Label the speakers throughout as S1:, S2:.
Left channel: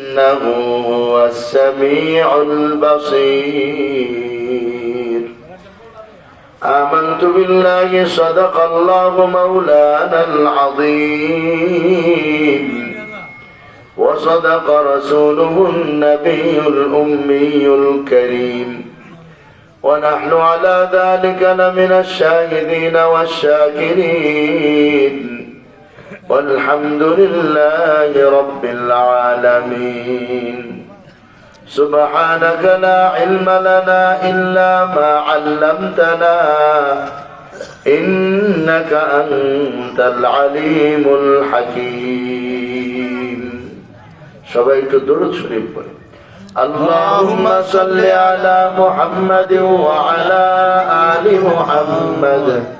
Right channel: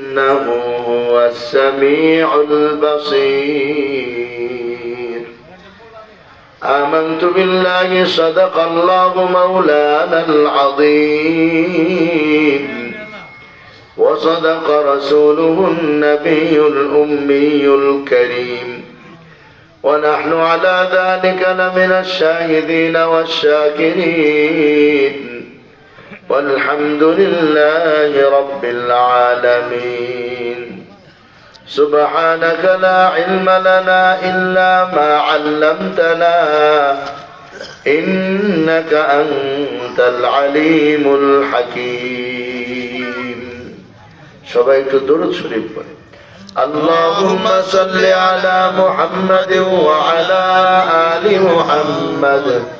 S1: إنه هو السميع البصير. آمنت بالله صدق الله مولانا العظيم. وصدق رسوله النبي الأمي الكريم. ونحن على ذلك لمن الشاهدين والشاكرين. والحمد لله رب العالمين سبحانك لا علم لنا إلا ما علمتنا إنك أنت العليم الحكيم شبيك درد شريف اللهم صل على محمد وعلى آل محمد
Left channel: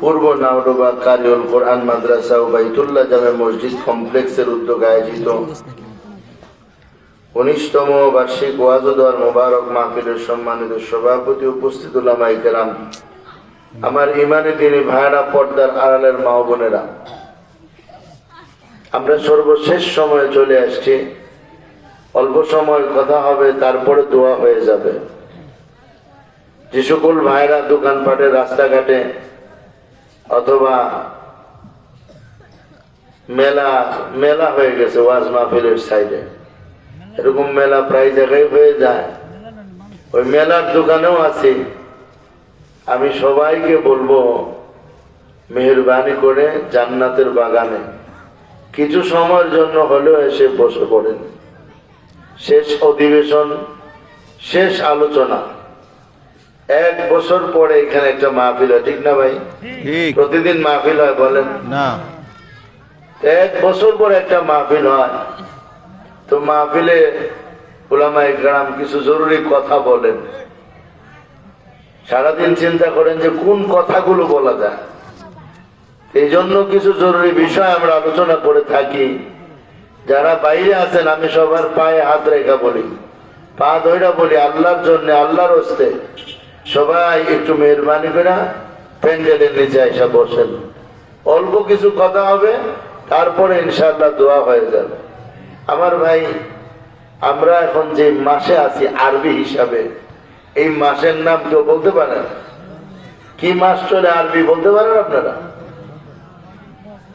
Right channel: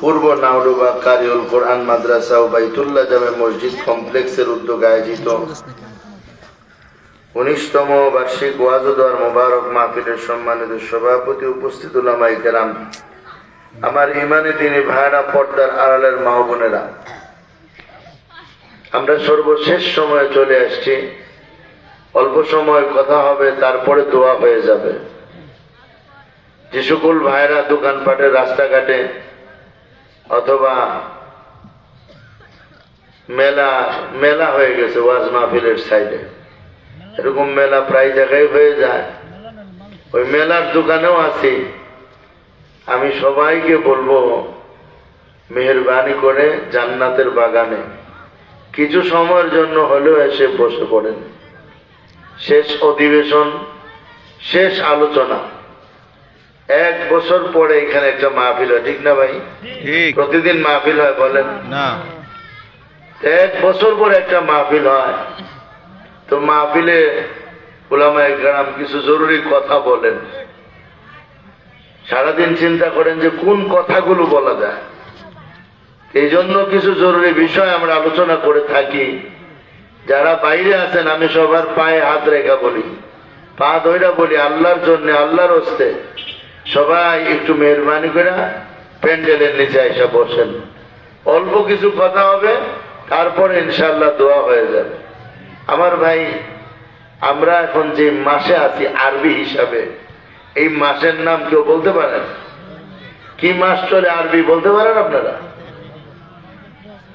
S1: পূর্ব নাওডোবা কারিউল কোরআন মাদ্রাসা ও বাইতুল্লাহ জামে মসজিদ কমপ্লেক্সের উদ্যোগে আয়োজিত উনিশতম বার্ষিক ওয়াজুদার মোবারক মাহফিলের সম্মানিত সভাপতি উপস্থিত উলামাই কেরাম। আমার ইমানে তিনি ভাইরা পর্দার আড়ালের মা বোনেরা। আমরা সর্বশেষ সময়ে চলে আসছি। অল্প সময় কথা হবে, তারপরে দোয়া হয়ে যাবে। যে সকল ভাইরা দোকানপাটে রাস্তাঘাটে অথবা মেলা মেলা হয়ে গেছে ওয়াজ মাহফিলের সাইডে এরকম মেলা প্রায় জায়গায় হয়ে যায়। ওই মেলার দোকানেও আছি। আমি সবাইকে বলব, মেহরবানি করে জান্নাতের বাগানে। কিছু সময়ের জন্য হলেও এসে বসে পড়েন। শেষ অধিবেশন, শেষ আলোচনা। এক বছর পরে এখানে একটা মাহফিল হয় ঠিক না ভাই? প্রতিদিন মাহফিল হয় বলেন?
S2: না।
S1: এক বছর পরে একটা মাহফিল হয়। তো মাহফিলে ওলামায় গ্রাম কিছু জরুরি কথা বলেন। সারাদিন চিন্তা করেন যে কোন কথাগুলো বলা যায়। এই জন্য কিছু জরুরি বিষয় আমরা আলোচনা করে থাকি। যারা বাইরে আছেন আমি সবার পায়ে হাত রেখা বলি। পা ধইরা বলি আল্লাহর জন্য আল্লাহর হস্তে। সবাই একটু মেহরবানি করে প্যান্ডেলের নিচে এসে বসেন। অল্প কিছু কথা হবে তারপরে ইনশাল্লাহ দোয়া হয়ে যাবে। আমার ভাই আমরা এখন যে মাসে আছি আরবি হিসাবে এই মাসের নাম কেউ বলতে পারেন কি মাস চলে আরবি বলতে পারেন আপনারা?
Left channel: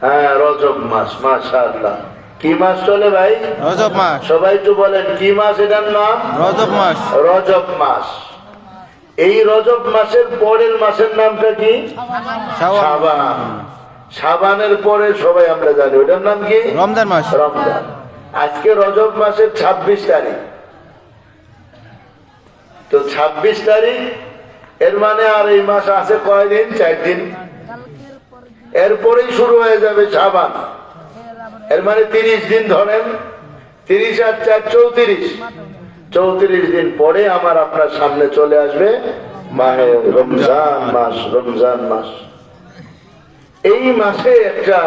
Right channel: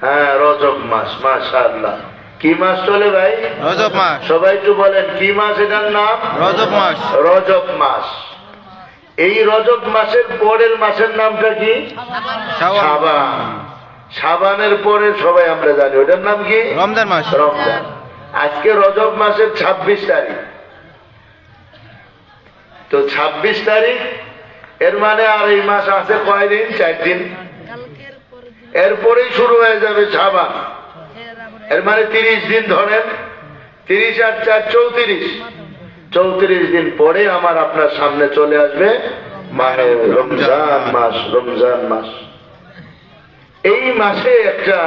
S1: হ্যাঁ রজব মাস মাশা আল্লাহ কি মাস চলে ভাই?
S2: রজব মাস।
S1: সবাই একটু বলেন কি মাস এটার নাম?
S2: রজব মাস।
S1: রজব মাস। এই রজব মাসের পরের মাসের নামটা কি? সাবান সাবানের পরে সবাই আমরা জানি। ওটার নাম কি?
S2: রমজান মাস।
S1: রমজান। আজকে রজব মাসের ২৬ তারিখ। তো ২৬ তারিখ এর মানে আর এই মাস আছে কয়দিন? চার দিন এরপরেই শুরু হয়ে যাবে সাবান এর মানে তিরিশ দিন ধরেন। তিরিশ আর চার চৌত্রিশ। চৌত্রিশ দিন পরে আমার আপনার সামনে চলে আসবে মাহে রমজান মাস রমজান মাস। এই মাসে একটা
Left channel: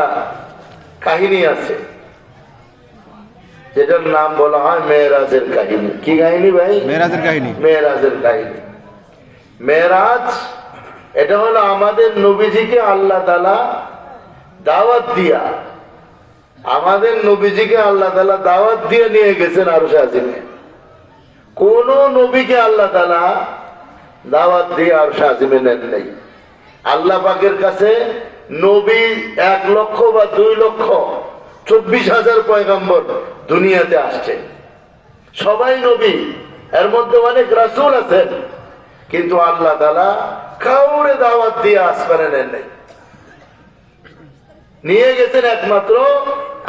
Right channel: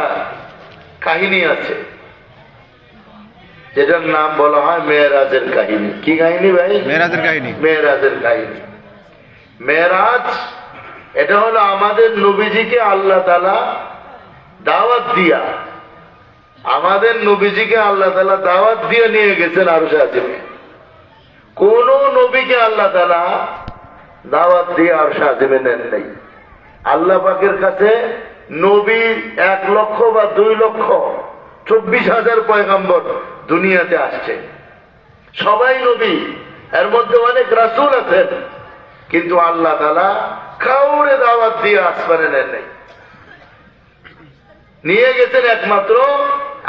S1: কাহিনী আছে যেটার নাম বলা হয় মেয়েরাজের কাহিনী। কি কাহিনী ভাই?
S2: মেরাজের কাহিনী।
S1: মেয়েরাজের কাহিনী। মেয়েরাজ এটা হলো আমাদের নবীজিকে আল্লাহ তালা দাওয়াত দিয়া আমাদের নবীজিকে আল্লাহ তালা দাওয়াত দিয়ে নিয়ে গেছেন আরও সাজিমে কোন নবীকে আল্লাহ তালা দাওয়াত দিয়ে আর সাজিমে নেন নেই। আল্লাহ পাকের কাছে নবী এক লক্ষ বা দুই লক্ষ চব্বিশ হাজার পয়গম্বর দুনিয়াতে আসছে। সবাই নবী, এর মধ্যে অনেক রাসুল আছেন, কিন্তু আল্লাহ তালা কাউরে দাওয়াত দিয়ে আসমানে নেন নেই। নিয়ে গেছেন একমাত্র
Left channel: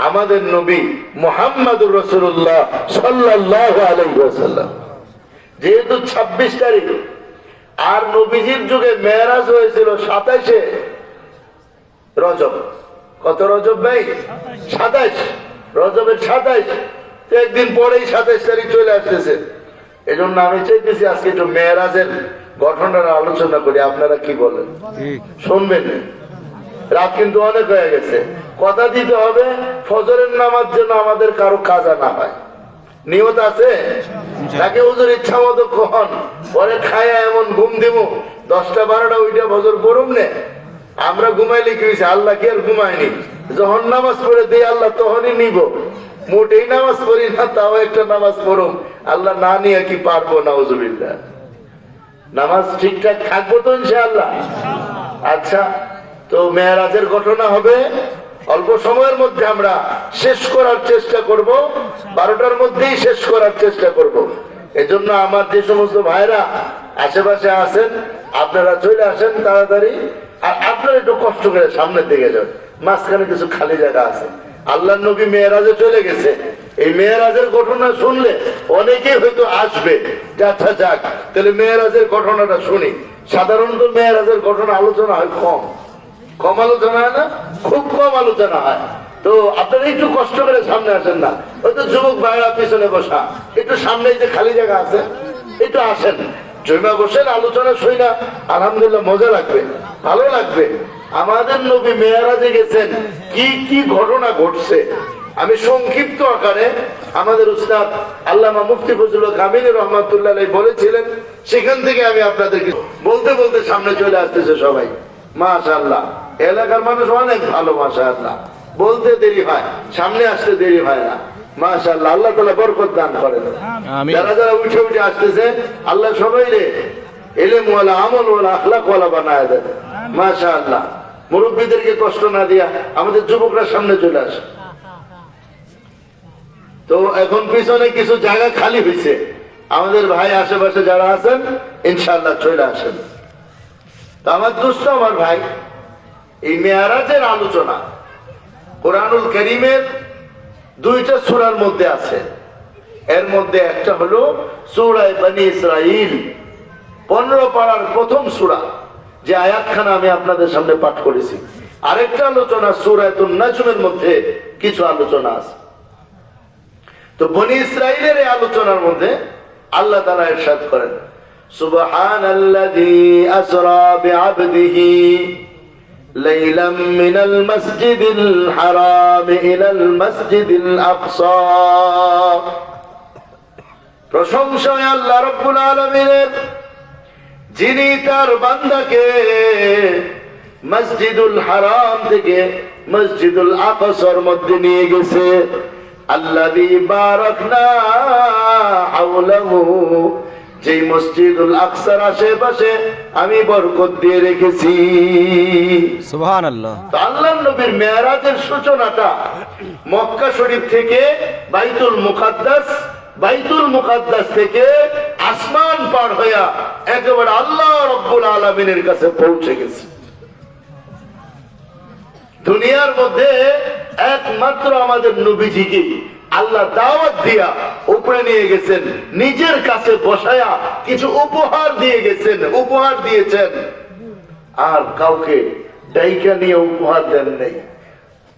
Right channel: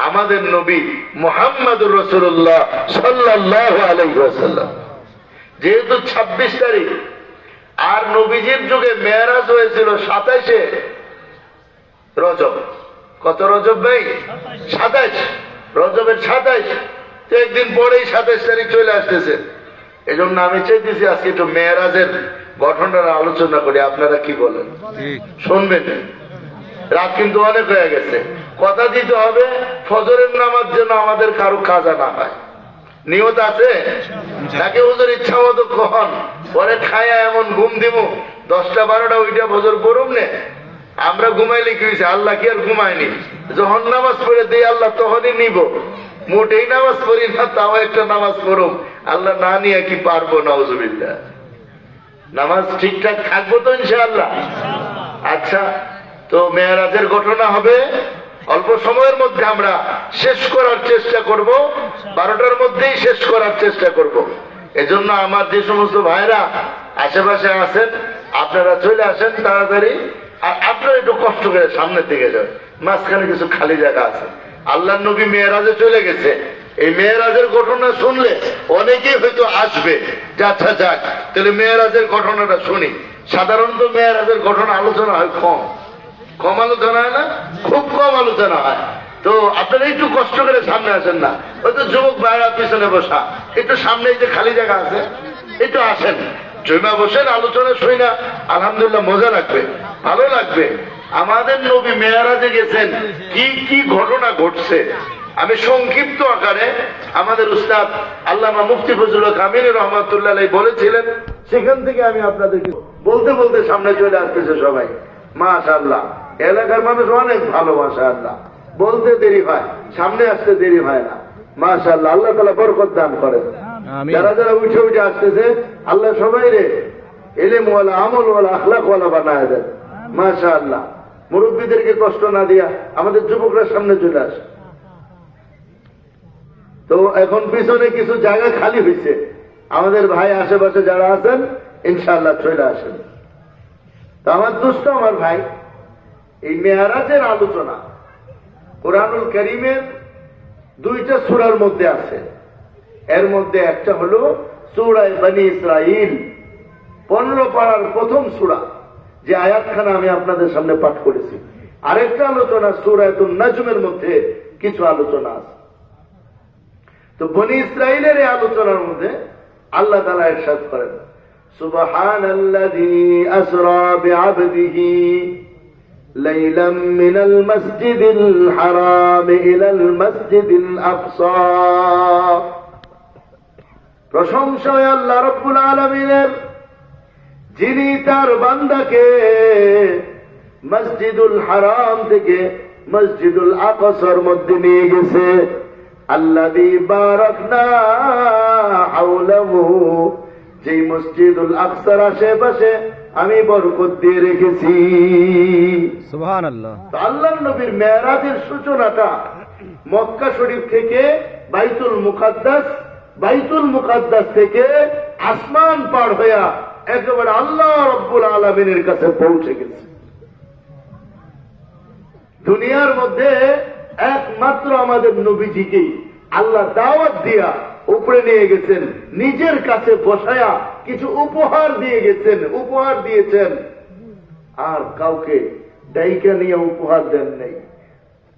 S1: আমাদের নবী মোহাম্মদুর রসুল্লাহ সাল্লাহ যেহেতু ২৬ তারিখ আর নবীজির যুগে মেয়ারাজ হয়েছিল সাতাইশে রজব। কত রজব ভাই? সাতাইশ। রজবের সাতাইশ। একদিন পরেই সাতাইশ তারিখ চলে আসতেছে। এই জন্য আমি চাইতেছি আজকে একটু মেয়েরাজের গঠনের আলোচনা করি। আপনারা কি বলেন? শুনবেন। রাত কিন্তু অনেক হয়ে গেছে। কথা দিতে হবে, ফজরের নামার জন্য আমাদের কারও কাজা না হয়। নিয়ত আছে? তাকে হুজুর ইচ্ছা মতো কখন পরে খায়া এমন ঘুম দিব দশটা বারোটা ওইটা বছর করুম নে? আমরা ঘুমাইলে কি হয়েছে আল্লাহ কি আর ঘুমায়নি? যখন নামাজ পড়ে দিই, আল্লাহ তখনই নিব। মোটেই নামাজ পড়ি না, তাও একটা নামাজ পড়ুম। আল্লাহ না নিয়ে কি পারব না নামাজ ঠিকঠাক থাকব তো ইনশাআল্লাহ। আচ্ছা তো মেয়ারাজের ঘটনা হবে। অল্প সময়ের মধ্যে আমরা শেষ করার চেষ্টা করব। বারোটার মধ্যেই শেষ করার চেষ্টা করব। এজন্য আমার যে সমস্ত ভাইরা আশেপাশে আছেন, আপনারা চলে আসেন তাড়াতাড়ি। আর আপনারা একটু কষ্ট করে সামনের দিকে যান। মাঝখানে কিছু খালি জায়গা আছে। আল্লাহ নবী মেয়েরাজে চলে গেছে। এই মেয়েরাজের ঘটনা শুনলে অনেকেই হয়তো আসবে। যে আচ্ছা যাক। তাহলে মেয়েরাজের ঘটনাটা শুনি। সাধারণত মেয়েরাজের ঘটনা আলোচনা হয় কম। কম আলোচনা হয় না? খুব কম আলোচনা হয়। তো আপনারা একটু কষ্ট করে সামনে আসেন না। হয়তো যুবক ভাইরা পিছনে বসা। একটু সামনে যে খালি জায়গা আছে, একটু আসেন। জমা বসেন, আলোচনা শুই না। আলহামদুলিল্লাহ মজা লাগবে, ভালো লাগবে। আমাদের নবী মেয়ারাজে গেছেন, কি কি ঘটনা ঘটছে? আমি সংক্ষিপ্ত আকারে আমাদের উস্তাদ আল্লামা মুফতি ফজলুল কামিল রহমতুল্লাহ বলেছিলেন, সেখান থেকে আমি আপনাদেরকে বলতে বলতে সামনে চলে আসতেছে সবাই। মাশাআল্লাহ। এলাকার মানুষ অনেক ভালো মাশাআল্লাহ। বলতে দেরি হয় সামনে আসতে দেরি হয় না। মাশাআল্লাহ আল্লাহ বরকত দান করেন।
S2: আমিন।
S1: যারা যারা উঠে উঠে আসতেছে আল্লাহ সবাই রে এলেম ওয়ালা আমল ওয়ালা আখলাক ওয়ালা বানায় দেন। মাশাআল্লাহ মুরব্বীদেরকে কষ্ট না দিয়া আমাদের যুবকরা সামনে চলে আসে। তো এখন পিছনে কিছু জায়গা খালি হয়েছে। আমাদের ভাই আশেপাশে যারা আছেন ইনশাআল্লাহ চলে আসেন। তো আমার দুস্থ আমার ভাই এই মেয়ারাজের আলোচনা কোরআনুল করিমের দুইটা সুরার মধ্যে আছে। এর মধ্যে একটা হলো সুরায় বানি ইসরাইল পনেরো পাড়ার প্রথম সুরা, যে আয়াতখানা আমি আপনাদের সামনে পাঠ করেছি। আরেকটা আলোচনা সুরায়তুন নাজমের মধ্যে কিছু আলোচনা আছে। তো বনি ইসরাইলের এই আলোচনার মধ্যে আল্লাহ তারা এরশাদ করেন সুবহান আল্লাযী আসরা বিআবদিহি ليلا من المسجد الحرام إلى المسجد الأقصى প্রশংসায় আল্লাহ রব্বুল আলমিনের যিনি তার বান্দাকে মসজিদুল হারাম থেকে মসজিদুল আকসর মধ্যে নিয়ে গেছে আল্লাযী বারাকনা হাওলাহু যেই মসজিদুল আকসার আশেপাশে আমি বরকত দিয়ে রেখেছি।
S2: আল্লাহ
S1: আল্লাহ নবীর মেয়ারাজের সূচনাটা মক্কা শরীফ থেকে বাইতুল মুকাদ্দাস বাইতুল মুকাদ্দাস থেকে আসমান পার হইয়া একেবারে আল্লাহ রব্বুল আলমিনের কাছে পৌঁছে গেছে। দুনিয়ার মধ্যে একমাত্র আমাদের নবীজিকে আল্লাহ দাওয়াত দিয়া উপরে নিয়ে গেছেন, নিজের কাছে বসায়া কিছু উপহার দিয়ে গেছেন, উপহার দিয়েছেন। আর কাউকে ডাইকা নিয়ে উপহার দেন নেই।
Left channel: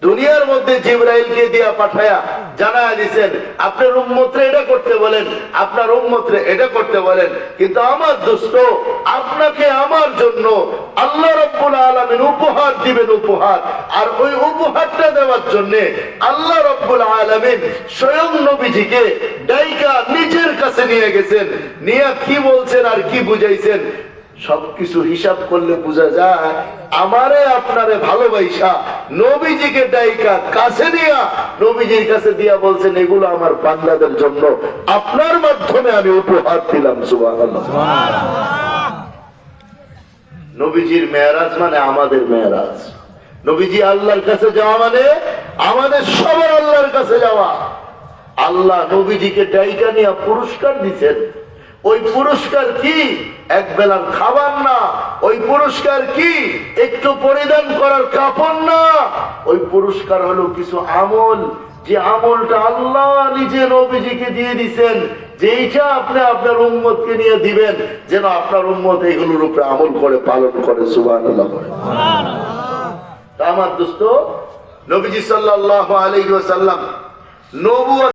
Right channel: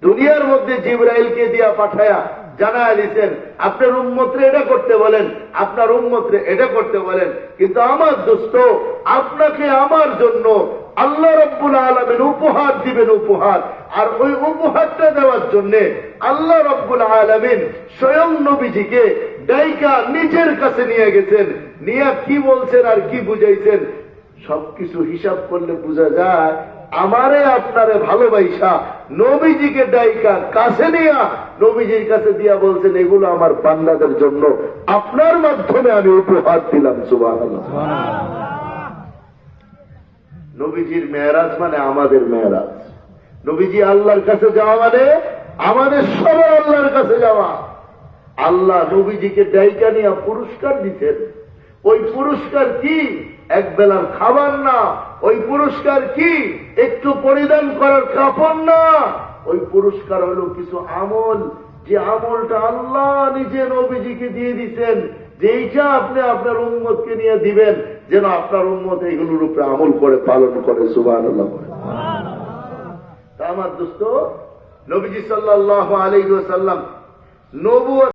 S1: দুনিয়ার মধ্যে জিব্রাইলকে দিয়া পাঠায়া জানা দিছেন, আপনার উম্মত্রে এটা করতে বলেন, আপনার উম্মত্রে এটা করতে বলেন, কিন্তু আমার দোস্ত আপনাকে আমার জন্য আল্লাহ রব্বুল আলমিন উপহার দিবেন উপহার। আর ওই উপহারটা দেওয়ার জন্য আল্লাহ রব্বুল আলমিন স্বয়ং নবীজিকে ডাইকা নিজের কাছে নিয়ে গেছেন। নিয়ে কি বলছেন আর কি বুঝাইছেন? সবকিছু হিসাব করলে বোঝা যায় আমারে আপনারে ভালোবাসা নবীজিকে ডাইকা কাছে নিয়া নবীজির কাছে দিয়া বলছেন এগুলো আমার বান্দাদের জন্য। আপনার মাধ্যমে আমি উপহার দিলাম সুবহানাল্লাহ। নবীজির মেয়ারাজ মানে আমাদের মেয়ারাজ। নবীজি আল্লাহর কাছে যাওয়া মানে আমাদের সবার আল্লাহর কাছে যাওয়া। আল্লাহ নবীজিকে ডাইকা নিয়ে পুরস্কার দিচ্ছেন ওই পুরস্কার কি? এক বেলার খাবার না। ওই পুরস্কার কি? একটু পরিধান করার কাপড় না। ওই পুরস্কার হলো কিছু আমল। যে আমলটা আল্লাহ নিজে নবীজিকে দিয়ে দিছেন, যেইটা আপনি আপনার উম্মতকে নিয়ে দিবেন, যেন আপনার উম্মত এইগুলোর উপরে আমল করে, পালন করে সুবাহ তা আমার দোস্ত, নবীজি সাল্লাল্লাহু আলাইহি ওয়াসাল্লাম নবুয়ত